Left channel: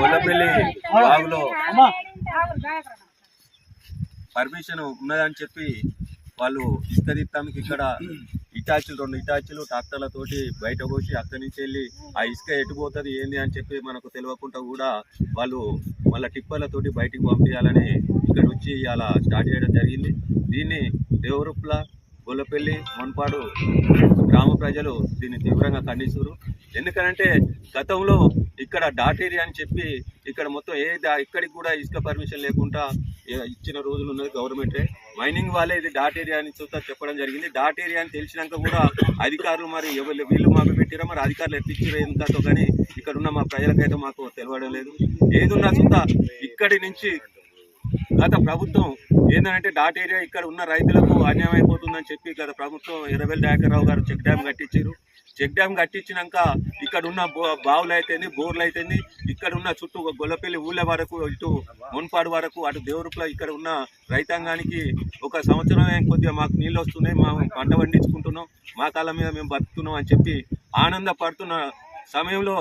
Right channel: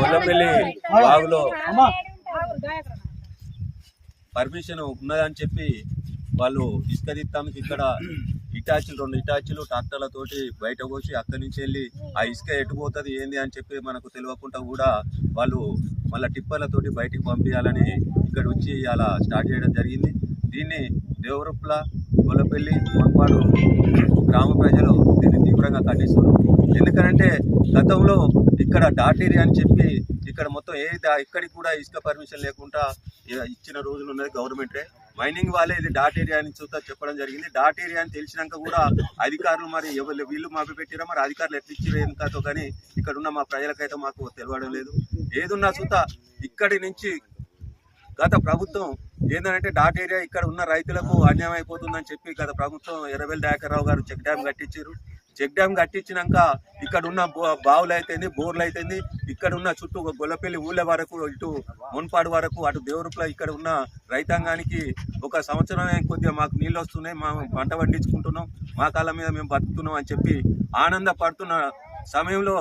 Gollapalli బాగులో permission ఉన్నదని చెప్పి వాళ్ళు ఇసుక తీస్తానికి ఇక్కడ రెండు ఇటాచీలు ట్రాక్టర్లతోటి బయట పోసి అక్కడి నుంచి వెళ్ళి ఆ ఇసుక ఎటుపోతుంది ఏంది అని చెప్పి మనకు తెలియకుండా కూడా వాళ్ళు మళ్ళీ టిప్పర్లతోటి బయటికి పంపించాలని ఇక్కడ వచ్చి ఇలా స్టార్ట్ చేయడం జరిగింది. దీన్ని దేవరుప్ల గొల్లపల్లి మున్పాడు గ్రామ ప్రజలు దీన్ని తీవ్రంగా ఖండిస్తున్నారు. ఎందుకంటే గతంలో ఇక్కడ డాట్ ఏరియా అని చెప్పి ఇక్కడ మొత్తం ఇక్కడికి కూడా ఇసుక పర్మిషన్ లేకుండా ఇచ్చిన రోజులు ఉన్నది గవర్నమెంటే. మైనింగ్ వాళ్ళే ఇది డాట్ ఏరియా అని చెప్పడం జరిగింది. డాట్ ఏరియా అని తెలిసినాక కూడా అధికారులు మరి వీళ్ళు మాకు పెట్టిరా, మరి అధికారులు ఎట్టిచ్చారు ఎందుకంతో కానీ ఇక్కడ ఉన్న మా ప్రజలకైతే మాకు తెలియడం లేదు. ఏదున్నా సుతా ఇక్కడి నుంచి గత ప్రభుత్వం ఏంటంటే డాట్ ఏరియా ఇక్కడ ఉన్న రైతులకు అన్యాయం అయిపోతుందని చెప్పి గత ప్రభుత్వం ఎర్రబెల్లి దయాకర్రావు గారు చెక్ డ్యామ్ కట్టించారు. చెక్ డ్యామ్ కట్టించినాక ఇక్కడ ఉన్న బావులు అయితేంది, బోర్లు అయితేంది, ఇక్కడ ఉన్న చుట్టూ గొల్లపల్లి ఊళ్ళ వరకు, ఇటు మున్పాడు వరకు, అటు దేవరుప్ల ఇక్కడ ఉన్న రైతాంగానికి ఒక సంవత్సరమే కొద్దిగా మాకు నీళ్ళు వస్తున్నాయి, మేము పంట పండించుకుంటున్నాం, మా కాళ్ళ మీద మేము బతుకుతున్నాం అని చెప్పి ఆనందపడుతున్న సమయంలో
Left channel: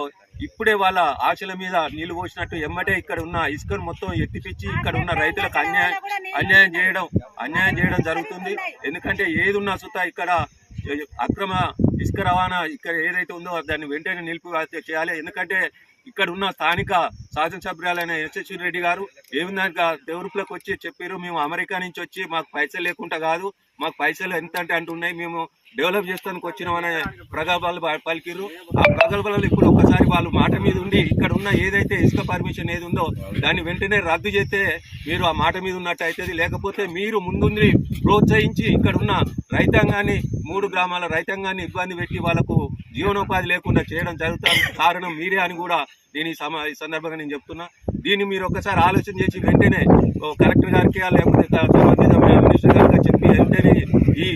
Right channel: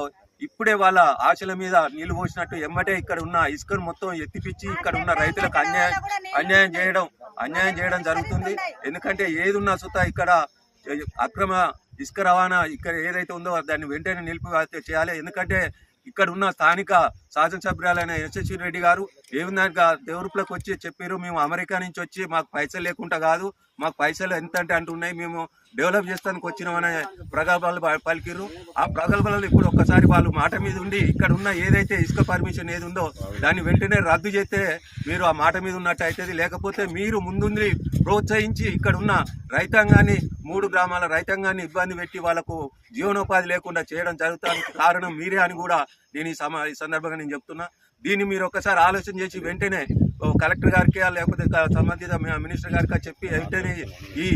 ఇప్పుడే వాళ్ళ ఆశల మీద నీళ్లు పోసినట్టు ఎమ్మటే ఇక్కడ ఉన్న ఇసుకను మొత్తం ఎత్తిపిచ్చి ఇక్కడ ఉన్న రైతులకు అన్యాయం చేయడం జరుగుతుంది. ఎందుకంటే ఏది ఉన్నా సుతా ఇక్కడ అక్రమ ఇసుక రవాణా ఇక్కడ ఏదైతే ఉందో దాన్ని వెంటనే నిలిపి చేయాలి. ఎందుకంటే ఇక్కడ ఉన్న స్థానిక శాసనసభ్యురాలైన యశస్వి రెడ్డి గారు ఏమిందాక దేవరుప్లకు వచ్చి చెప్పారు, మేము అమెరికా నుంచి వచ్చి మాకు పైసలు లేకుండా కాదు, మాకు పైసలు ఎంత అంటే అంటున్నాయి, మేము డెవలప్ చేస్తానికి వచ్చినామనే ప్రగల్భాలు పలికిరు. ఆ ప్రగల్భాలు ఇప్పుడు ఒకసారి వాళ్ళు మాట మీద ఉండి ఇక్కడ ఉన్న ఏదైతే ఇసుక పర్మిషన్ ఏది ఉందో దాన్ని వెంటనే రద్దు చేస్తే మీరు ఆ మాట మీద ఉన్నట్టు అవుతుంది. లేకపోతే మీరు ముందుండి ప్రోత్సహించి ఇక్కడ ఉన్న రైతాంగాన్ని, 3 గ్రామాల రైతాంగాన్ని ఇబ్బంది పెట్టి వాళ్ళకు జీవనోపాధి లేకుండా చేయడం జరుగుతుంది. కారణం మీరే అని కూడా నేను ఈ సందర్భంగా నేను చెప్తున్నా. దీన్ని మీరు ఒకసారి ఆలోచన చేసి వెంటనే కలెక్టర్ గారికి లేకపోతే సంబంధిత మినిస్టర్ గారికి చెప్పి వెంటనే ఈ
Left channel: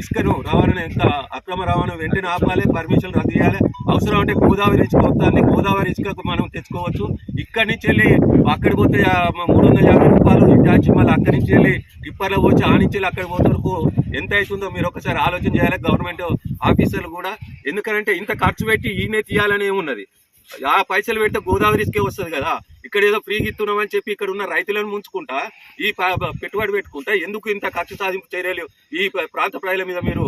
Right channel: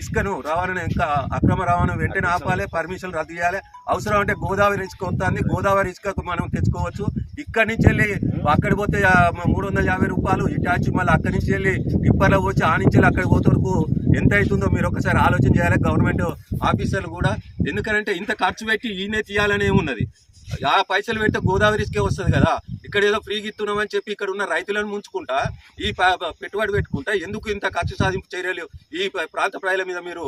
ఇసుకను రవాణా ఇంకా అక్రమ రవాణా వెంటనే ఆపాలి, పర్మిషన్ రద్దు చేయాలి. అవసరం అంటే గోదావరి ఇసుక వస్తుంది, గోదావరి ఇసుకకు మనం తెచ్చుకోవచ్చు. ఇక్కడి నుంచి వెళ్ళి అక్కడికి పోతే 350 రూపాయలు ఇచ్చి మళ్ళీ అక్కడి నుంచి వెళ్ళి టిప్పర్లో వచ్చి ఆ నుంచి వెళ్ళి అక్కడికి పోతే వరకు ఎంత అవుతుందో మీరు ఒకసారి ఆలోచన చేయాలి గవర్నమెంట్ ఆఫీసర్లు కూడా. ఎందుకంటే ఇంత ఖర్చు పెట్టి ఈయనే తీయాలని ఏమున్నది, ఆ పైసలు పెడితే గోదావరి ఇసుకే వస్తుంది కదా. ఇక్కడ ఏదో ఫ్రీగా ఇస్తున్నామని చెప్పి ఇక్కడ ఉన్న రైతులను ముంచుకుంటా ఈ పెట్టుబడి పెట్టుకుంటా ఎందుకు ఇంత ఖర్చు సాధింపు చర్యలు ఈ ప్రాంత ప్రజల మీద మీరు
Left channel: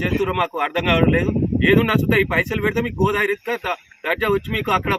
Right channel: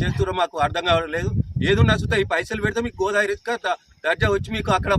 చేస్తున్నారో మాకు అర్థం కావడం లేదు. ఏదున్నా సుతా ఈ పైసలు పెడితే మీకు గోదావరి ఇసుక దర్జా వచ్చి మీకు అక్కడ